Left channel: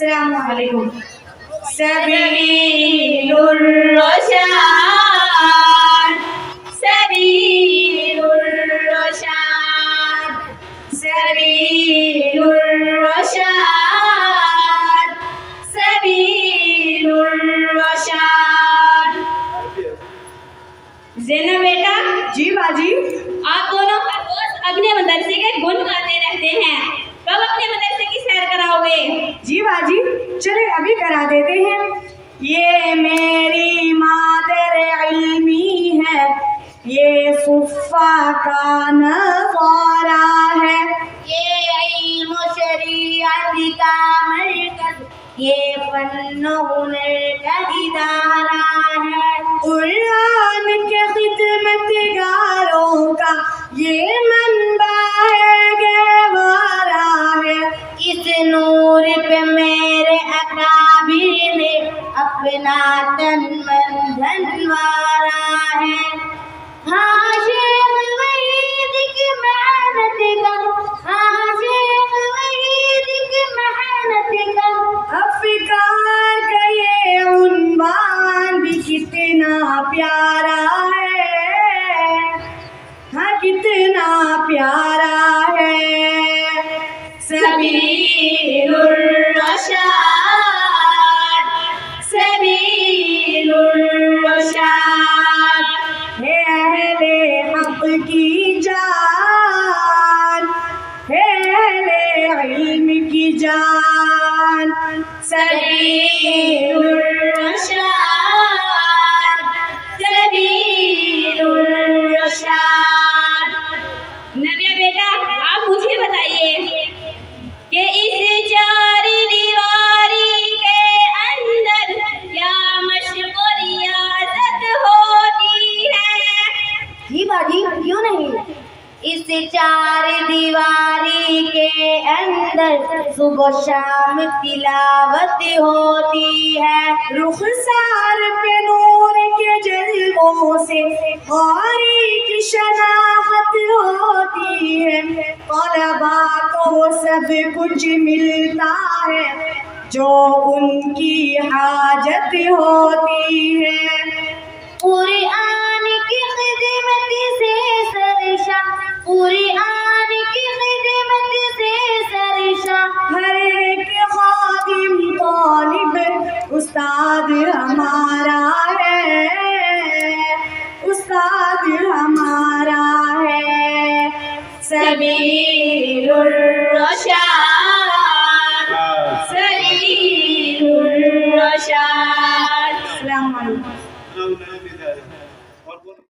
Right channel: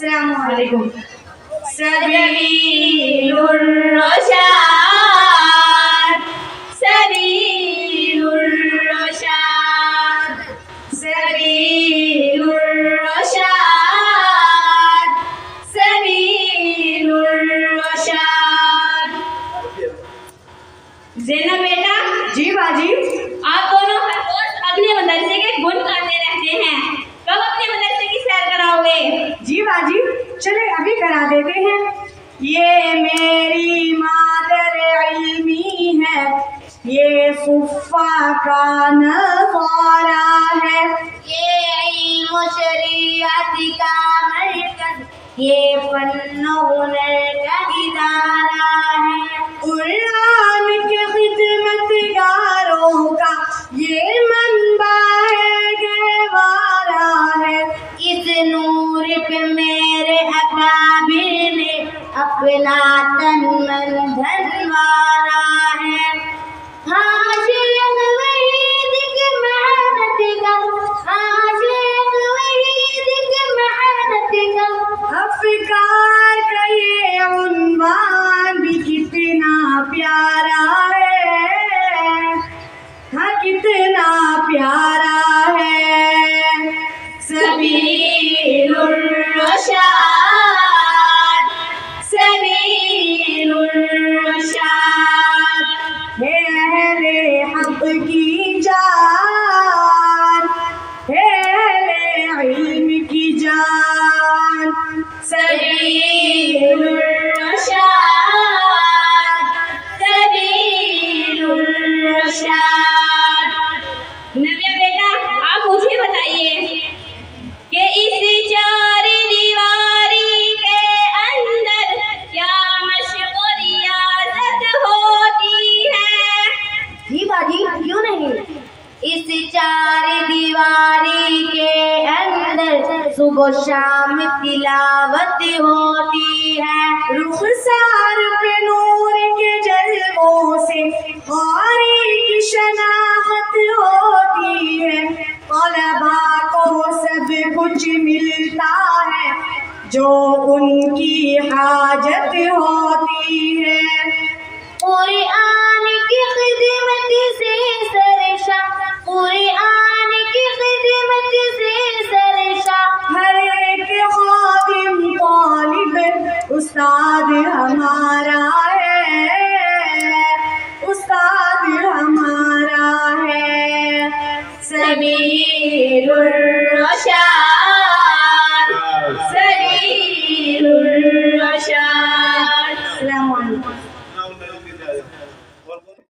السلام علیکم. سبیل الرشاد سبیل الرشاد سبیل الرشاد سبیل الرشاد. زینب بیٹا. جی باجی. آپ دونوں اپنے مدرسے کے گن گاتے رہتے ہیں، کب اپنے مدرسے کی سیر کراؤ گے؟ جی باجی چلے ابھی کرا دیتے ہیں. یہ میری مادر علمی ہے، یہ صفا کا نظارہ ہے، یہ علم و شریعت کا مرکز، یہ فن و ہنر کا ادارہ ہے. قرآن کے خدمت گاروں کا یہ منبع ہے، گہوارہ ہے. اس نور پہ میرے اکابر نے اپنا تن من دھن وارا ہے. ہاں شیخ وحید کی محنت کا، ہاں شیخ وحید کی محنت کا. افکار کا یہ عنوان بھی کتنا پیارا ہے، ہاں کتنا پیارا ہے. سبیل الرشاد سبیل الرشاد. ہے اہل حق کی جان، ہے اہل علم کی جان. سبیل الرشاد سبیل الرشاد. نبیہ بیٹا آپ مجھے بتائیے کہ اس چار دیواری کے اندر کیا مشق و ریاضت ہوتی ہے؟ جی باجی کیوں نہیں. اس چار دیواری کے اندر صبح و شام تلاوت ہوتی ہے. رخسار پہ نور کے جلووں سے قاری کی شناخت ہوتی ہے. طلبا کو سب کچھ ملتا ہے جو ان کی حاجت ہوتی ہے. قرآن کی خدمت سے سرشاں، قرآن کی خدمت سے سرشاں. ہر ایک خادم طالب استاد ہمارا ہے، استاد ہمارا ہے. سبیل الرشاد سبیل الرشاد. السلام علیکم.